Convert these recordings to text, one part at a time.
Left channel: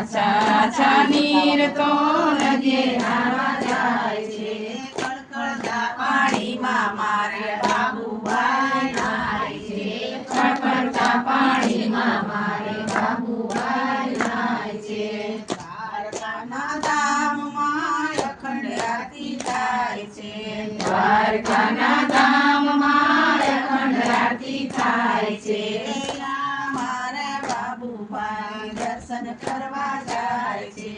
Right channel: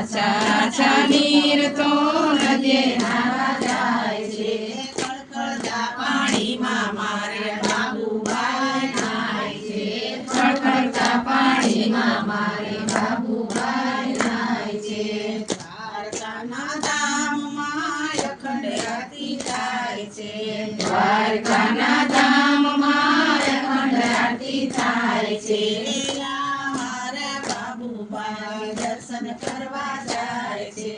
આછા આછા નીર તો નદીએ નાવા જાય છે ખળખળતા પાણીમાં મારે બાબુભાઈ નાય છે ખળખળતા પાણીમાં મારે બાબુભાઈ નાય છે દ્વારકાના ધામમાં અખંડ આરતી થાય છે દ્વારકાના ધામમાં અખંડ આરતી થાય છે મારા બાબુભાઈ દર્શન કરવા જાય છે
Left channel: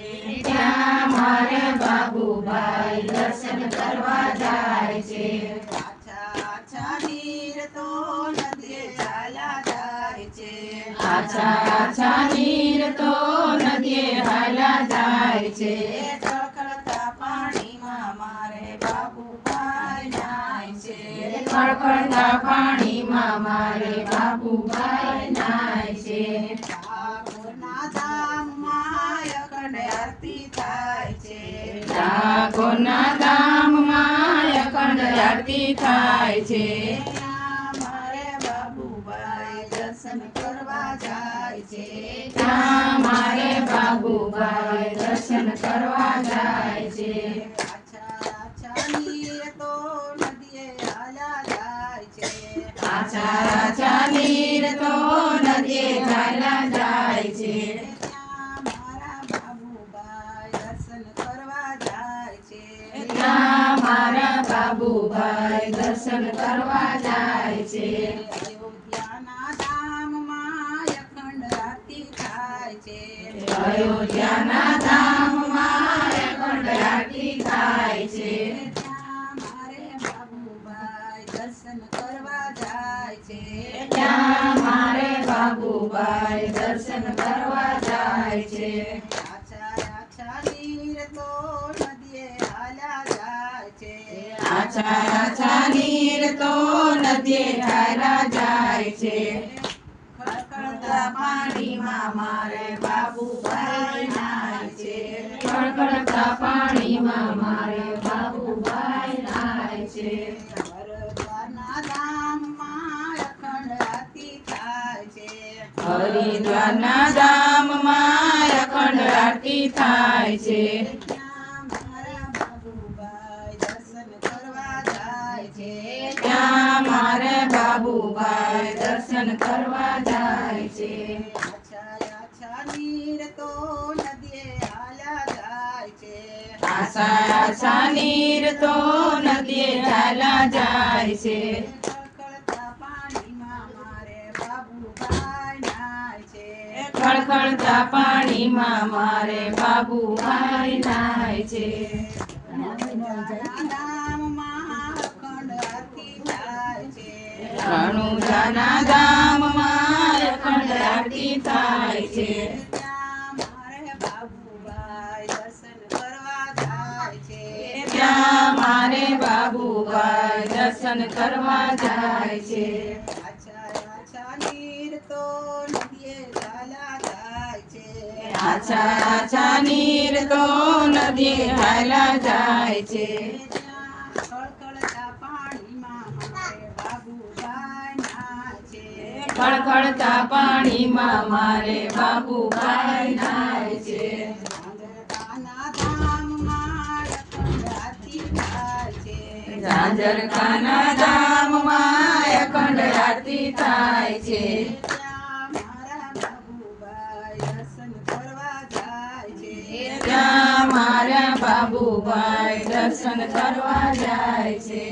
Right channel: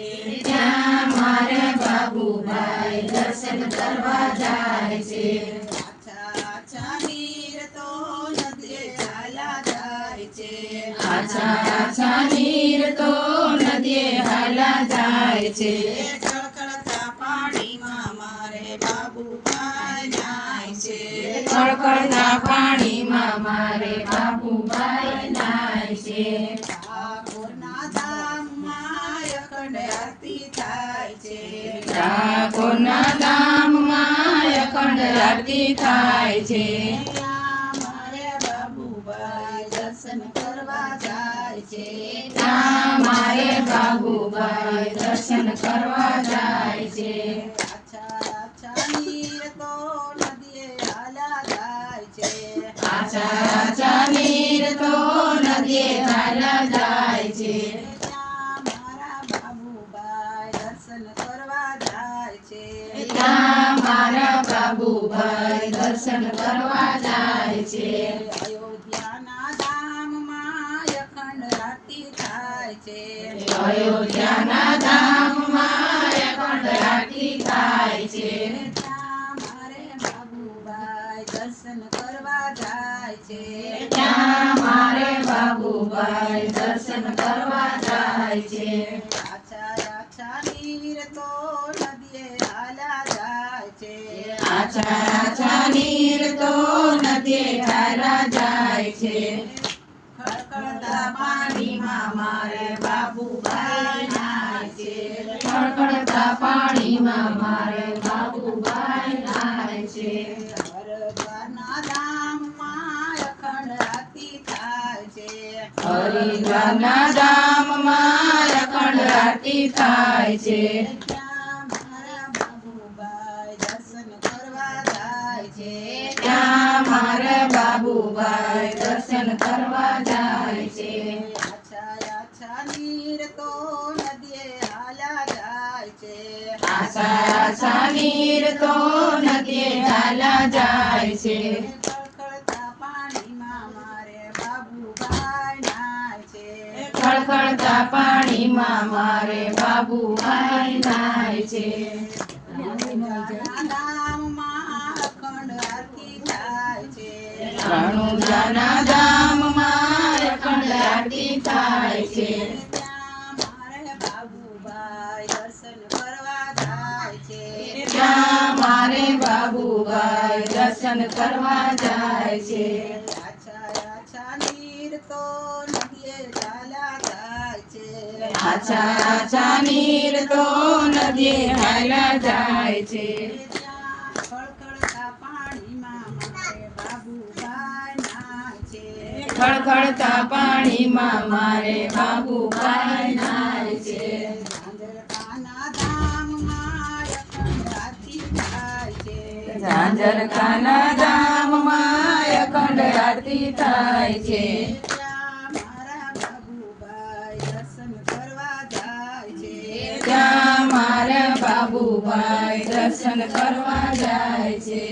ત્યાં મારા બાબુભાઈ દર્શન કરવા જાય છે આછા આછા નીર તો નદીએ હાલા જાય છે આછા આછા નીર તો નદીએ હાલા જાય છે ખળખળતા પાણીમાં મારે બાબુભાઈ નાય છે ખળખળતા પાણીમાં મારે બાબુભાઈ નાય છે ઠાકોરના ધામમાં અખંડ આરતી થાય છે ઠાકોરના ધામમાં અખંડ આરતી થાય છે મારે બાબુભાઈ દર્શન કરવા જાય છે ત્યાં મારે બાબુભાઈ દર્શન કરવા જાય છે આછા આછા નીર તો નદીએ હાલા જાય છે આછા આછા નીર તો નદીએ હાલા જાય છે ત્યાં મારા બાબુભાઈ દર્શન કરવા જાય છે ત્યાં મારા બાબુભાઈ દર્શન કરવા જાય છે અયોધ્યાના ધામમાં અખંડ આરતી થાય છે અયોધ્યાના ધામમાં અખંડ આરતી થાય છે ત્યાં મારે બાબુભાઈ દર્શન કરવા જાય છે ત્યાં મારે બાબુભાઈ દર્શન કરવા જાય છે આછા આછા નીર તો નદીએ હાલા જાય છે આછા આછા નીર તો નદીએ હાલા જાય છે ખળખળતા પાણીમાં મારે બાબુભાઈ નાય છે ખળખળતા પાણીમાં મારે બાબુભાઈ નાય છે હરિદ્વારના ધામમાં અખંડ આરતી થાય છે હરિદ્વારના ધામમાં અખંડ આરતી થાય છે ત્યાં મારા બાબુભાઈ દર્શન કરવા જાય છે ત્યાં મારા બાબુભાઈ દર્શન કરવા જાય છે આછા આછા નીર તો નદીએ હાલા જાય છે આછા આછા નીર તો નદીએ હાલા જાય છે ખળખળતા પાણીમાં મારે બાબુભાઈ નાય છે ખળખળતા પાણીમાં મારે બાબુભાઈ નાય છે રણુજાના ધામમાં અખંડ આરતી થાય છે ત્યાં મારે બાબુભાઈ દર્શન કરવા જાય છે ત્યાં મારે બાબુભાઈ દર્શન કરવા જાય છે આછા આછા નીર તો નદીએ હાલા જાય છે આછા આછા નીર તો નદીએ હાલા જાય છે ખળખળતા પાણીમાં મારે બાબુભાઈ નાય છે ખળખળતા પાણીમાં મારે બાબુભાઈ નાય છે ઝાંઝરકાના ધામમાં અખંડ આરતી થાય છે ઝાંઝરકાના ધામમાં અખંડ આરતી થાય છે ત્યાં મારા બાબુભાઈ દર્શન કરવા જાય છે ત્યાં મારા બાબુભાઈ દર્શન કરવા જાય છે।